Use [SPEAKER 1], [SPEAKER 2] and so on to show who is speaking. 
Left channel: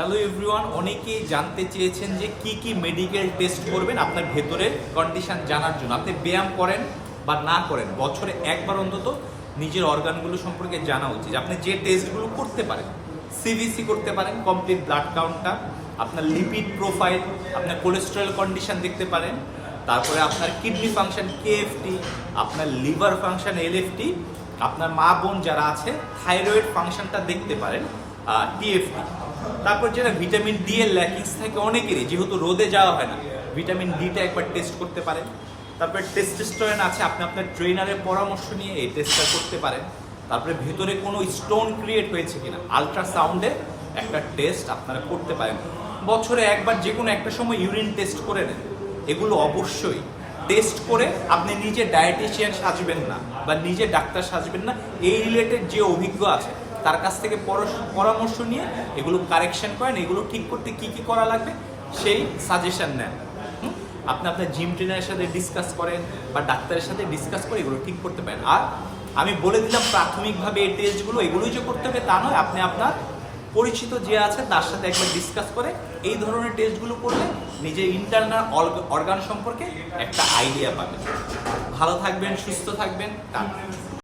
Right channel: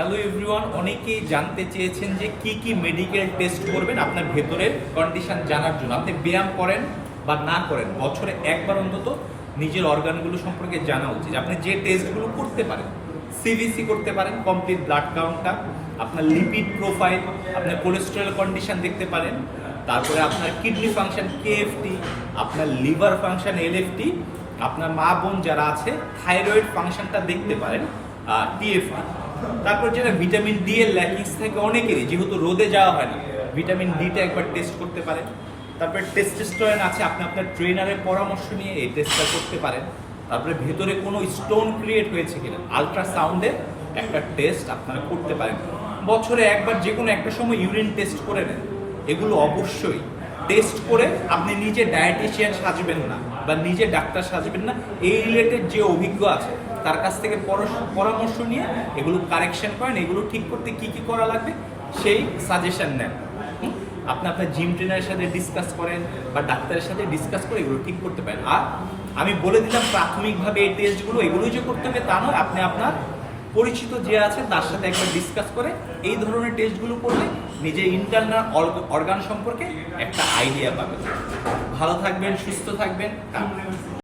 [SPEAKER 1] Hello everyone অনেকেই জানতে চেয়েছেন যে কি কি মেডিকেল টেস্ট করবেন আপনার ভেতরের কন্ডিশন জানার জন্য। আপনি ব্যায়াম করেন বা না করেন, বছরে একবার অন্তত নিজের অর্গানগুলো সম্পর্কে জানা উচিত। আপনি যে টেস্টগুলো করতে পারেন সিবিসি করতে পারেন কমপ্লিট ব্লাড কাউন্টটা আপনার লিপিড প্রোফাইল আপনার কোলেস্টেরল কন্ডিশন দেখতে পারেন, তারপরে আপনার কিডনি ফাংশন কেএফটি আপনার লিভার ফাংশন এলএফটি আপনার মা বোন যারা আছে থাইরয়েড ফাংশনটা দেখতে পারেন টিএফটি তারপর যেটা ভিটামিন ডি এর ল্যাকিংস থাকে অনেকেরই, যেহেতু রোদে যাওয়া হয় না। ভিটামিন ডিটা একবার টেস্ট করতে পারেন। তারপরে টেস্টেস্টোরেন আছে, আপনি আপনার ট্রেনারের পরামর্শ নিয়ে এই টেস্টটা করতে পারেন। তারপরে ভেতরে কোনো স্টোন ক্রিয়েট হয়েছে কিনা আলট্রাসাউন্ডে একটা টেস্ট আপনারা করতে পারেন। বছরে একবার যে কোনো একটা সময় ইউরিন টেস্ট করে নেন। এগুলো অবশ্যই টেস্ট করে আপনি নিজে ডায়েটিশিয়ান সাজবেন না বা নিজে ডাক্তার সাজবেন না। এই রিলেটেড যে অভিজ্ঞ আছে তার কাছ থেকে পরামর্শ নিয়ে এগুলো কারেকশন করেন, এগুলো ঠিক করতে কি কি করা লাগবে সেই সাজেশন নেন? আপনি আপনার জিম ট্রেনারের সাথে ডিসকাস করেন বা ডাক্তারের সাথে ডিসকাস করে এগুলো ঠিক করতে পারেন আর আমি বলে দিলাম প্রাথমিকভাবে এই টেস্টগুলো এগুলোই যে করতে হবে তা নয়, আপনি আপনার পরিচিত যে আছে তার সাথে একবার ডিসকাস করে এই ধরনের টেস্টগুলো করলে নিজের ইন্টারনাল অর্গান সম্পর্কে একটা আইডিয়া পাবেন ভালো থাকবেন, সুস্থ থাকবেন।